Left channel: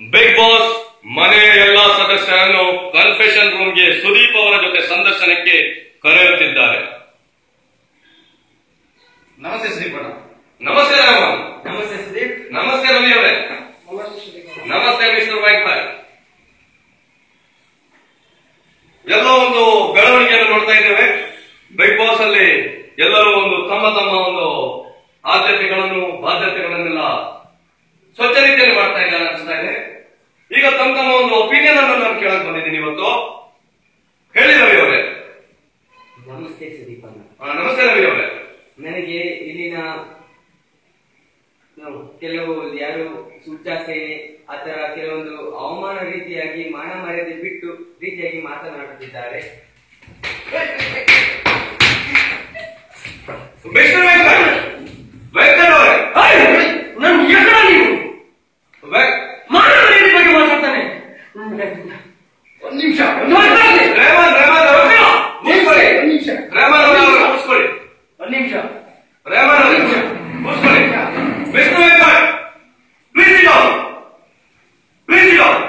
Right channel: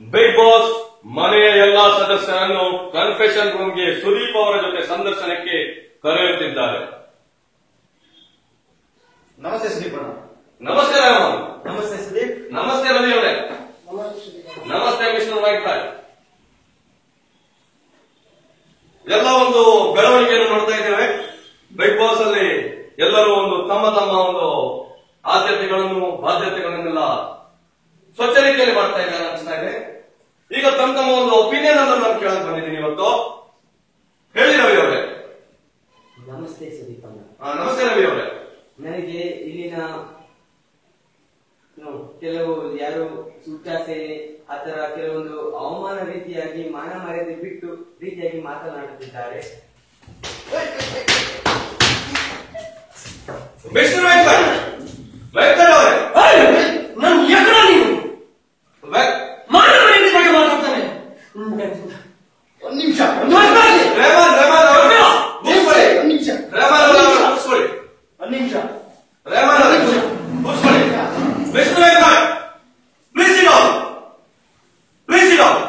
Big boss ಮನೆಯ ಎಲ್ಲಾ ಸದಸ್ಯರನ್ನು ಕನ್ಫೆಷನ್ ರೂಮ್ಗೆ ಸುದೀಪ್ ಅವರ ಜೊತೆ ಸಂದರ್ಶನಕ್ಕೆ ಕರೆಯುತ್ತಿದ್ದಾರೆ. ನಮಸ್ತೆ ಸುದೀಪ್ ಅಣ್ಣ. ನಮಸ್ತೆ ರಾಮನ್. ನಮಸ್ತೆ ಸುದೀಪ್. ನಮಸ್ತೆ ರವಿ ಅವರೇ. ನಮಸ್ತೆ ಮಿಸ್ಟರ್ ವೈಟ್ ಬಾಯ್. ಎಲ್ಲ ಒಂದು ಬೆಳವಣಿಗೆಯನ್ನು ನೋಡ್ತಾ ಇದ್ದೇವೆ. ಬಿಗ್ ಬಾಸ್ ಅಲ್ಲಿ ಎಲ್ಲರೂ ಒಂದು ತಮ್ಮ ತಮ್ಮ ಒಂದು ಆದ್ಯತೆಗಳನ್ನು ಬಾಧ್ಯತೆಗಳನ್ನೆಲ್ಲ ಸ್ವಚ್ಛ ರೀತಿಯಲ್ಲಿ ಮಾಡ್ತಾ ಇದ್ದಾರೆ ಅನಿಸ್ತಾ ಇದೆ. ಈಗ ತಮ್ಮ ತಮ್ಮ ಒಂದು ಒಪಿನಿಯನ್ ಅನ್ನು ನಾನು ಕೇಳಕ್ ಬಂದಿದ್ದೀನಿ ಇವತ್ತು. ಹೇಳಿ ರವಿ ಅವರೇ. ನಮಸ್ತೆ ಸುದೀಪ್ ಅಣ್ಣ. ನಮಸ್ತೆ ರವಿ ಅವರೇ. ನನಗೆ ಇಲ್ಲಿನ ಕೆಲವು ಯಾರು ಸೂಚಾ ಸೇನೆ ಆತರ ಕೆಲವೊಂದು ಅವಮಾನ ರೀತಿಯಾಗಿ ಮಾನ ಮರ್ಯಾದೆ ಬಿಟ್ಟು ರೀತಿಯಾಗಿ ಮಾತನಾಡುತ್ತಿದ್ದಾರೆ. ಮಿಸ್ಟರ್ ವೆಂಕಟ್ ಅವರೇ, ನನ್ನ ಎದುರ ನೀವು ಮಾನ ಮರ್ಯಾದೆ ಬಗ್ಗೆ ಮಾತಾಡ್ತಾನೆ. ಒಂದು ನಿಮಿಷ ರೇಮನ್ ಅವರು ಮುಗಿಸ್ಕೊಳ್ಳಿ. ರೇಮನ್ ಅವರು ಮುಗಿಸ್ಕೊಳ್ಳಿ. ಒಂದು ನಿಮಿಷ ರೇಮನ್ ಅವರು ಮುಗಿಸ್ಕೊಳ್ಳಿ. Mister Venkat, please sit down. Please sit down.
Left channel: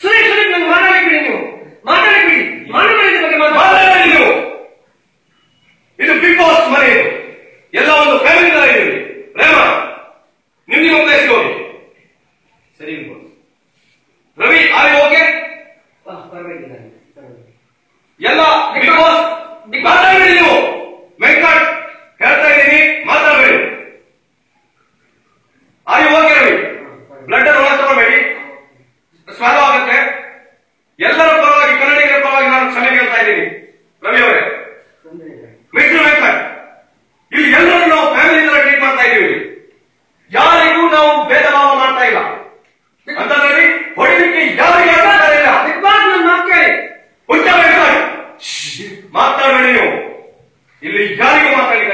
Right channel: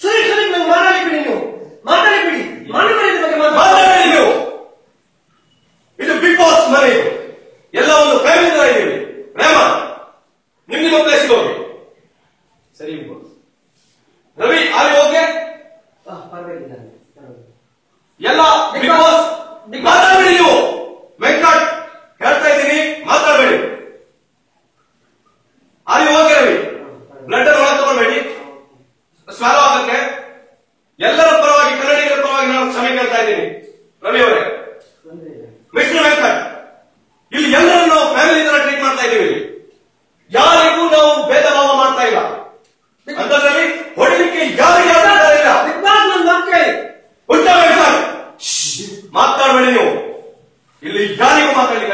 Sudeep Sudeep ನಂಗೆ ಮಾತಾಡಿಬಿಡಿ. ನೀವು ಮಾತಾಡಿಬಿಡಿ. ಮಾನ ಮರ್ಯಾದೆ ಬಗ್ಗೆ ಮಾತಾಡಿ ನೀವು. ಇದು ಬಿಗ್ ಬಾಸ್ ಮನೆ. ಎಲ್ಲ ಒಂದು ಫ್ಯಾಮಿಲಿ ತರ ಇದೀವಿ. ರೇಮನ್, ನಿಮ್ಮ ಪ್ಲೇಸ್ಗೆ ಹೋಗಿ. ಸರಿ ರವಿ, ಆರ್ ಯು ಓಕೆ? ಪರವಾಗಿಲ್ಲ. ಎಲ್ಲ ಬಿಗ್ ಬಾಸ್ ಮಾತಾಡಬೇಡಿ ನೀವು. ವೆಂಕಟ್ ಹೇಳ್ತಾ ಇದ್ದೀನಿ, ಮಾತಾಡಬೇಡಿ. Are you okay Ravi? Blood ಒಳ ತಗೊಳ್ಬೇಡಿ, ಸ್ವಾಲ ಆಗುತ್ತೆ. ಎಲ್ಲರ ಪರವಾಗಿ, ಕನ್ನಡಿಗರ ಪರವಾಗಿ ನಾನು ಕ್ಷಮೆ ಕೇಳ್ತಾ ಇದ್ದೀನಿ. ರವಿ ಅವರೇ, ಮಿಸ್ಟರ್ ವೆಂಕಟ್, ಇಲ್ಲಿ ಎಲ್ಲರೂ ನಾವು ಫ್ಯಾಮಿಲಿ ತರ ಟ್ರೀಟ್ ಮಾಡ್ತಾ ಇದ್ದೀವಿ. ಯಾರಿಗೂ ನಾವು ಭೇದ ಭಾವ ಮಾಡ್ತಾ ಇಲ್ಲ ಅಂತಂದ್ರೆ ಹೊಡಿಲಿಕ್ಕೆ ಯಾರಿಗೆ ಇಲ್ಲ. ನನ್ನ ಮಕ್ಕಳೇ ಮಾತಾಡಬೇಡಿ ನೀವು. ಇಲ್ಲಿ ಯಾರಿಗೂ ಮಾತಾಡಲಿಕ್ಕೆ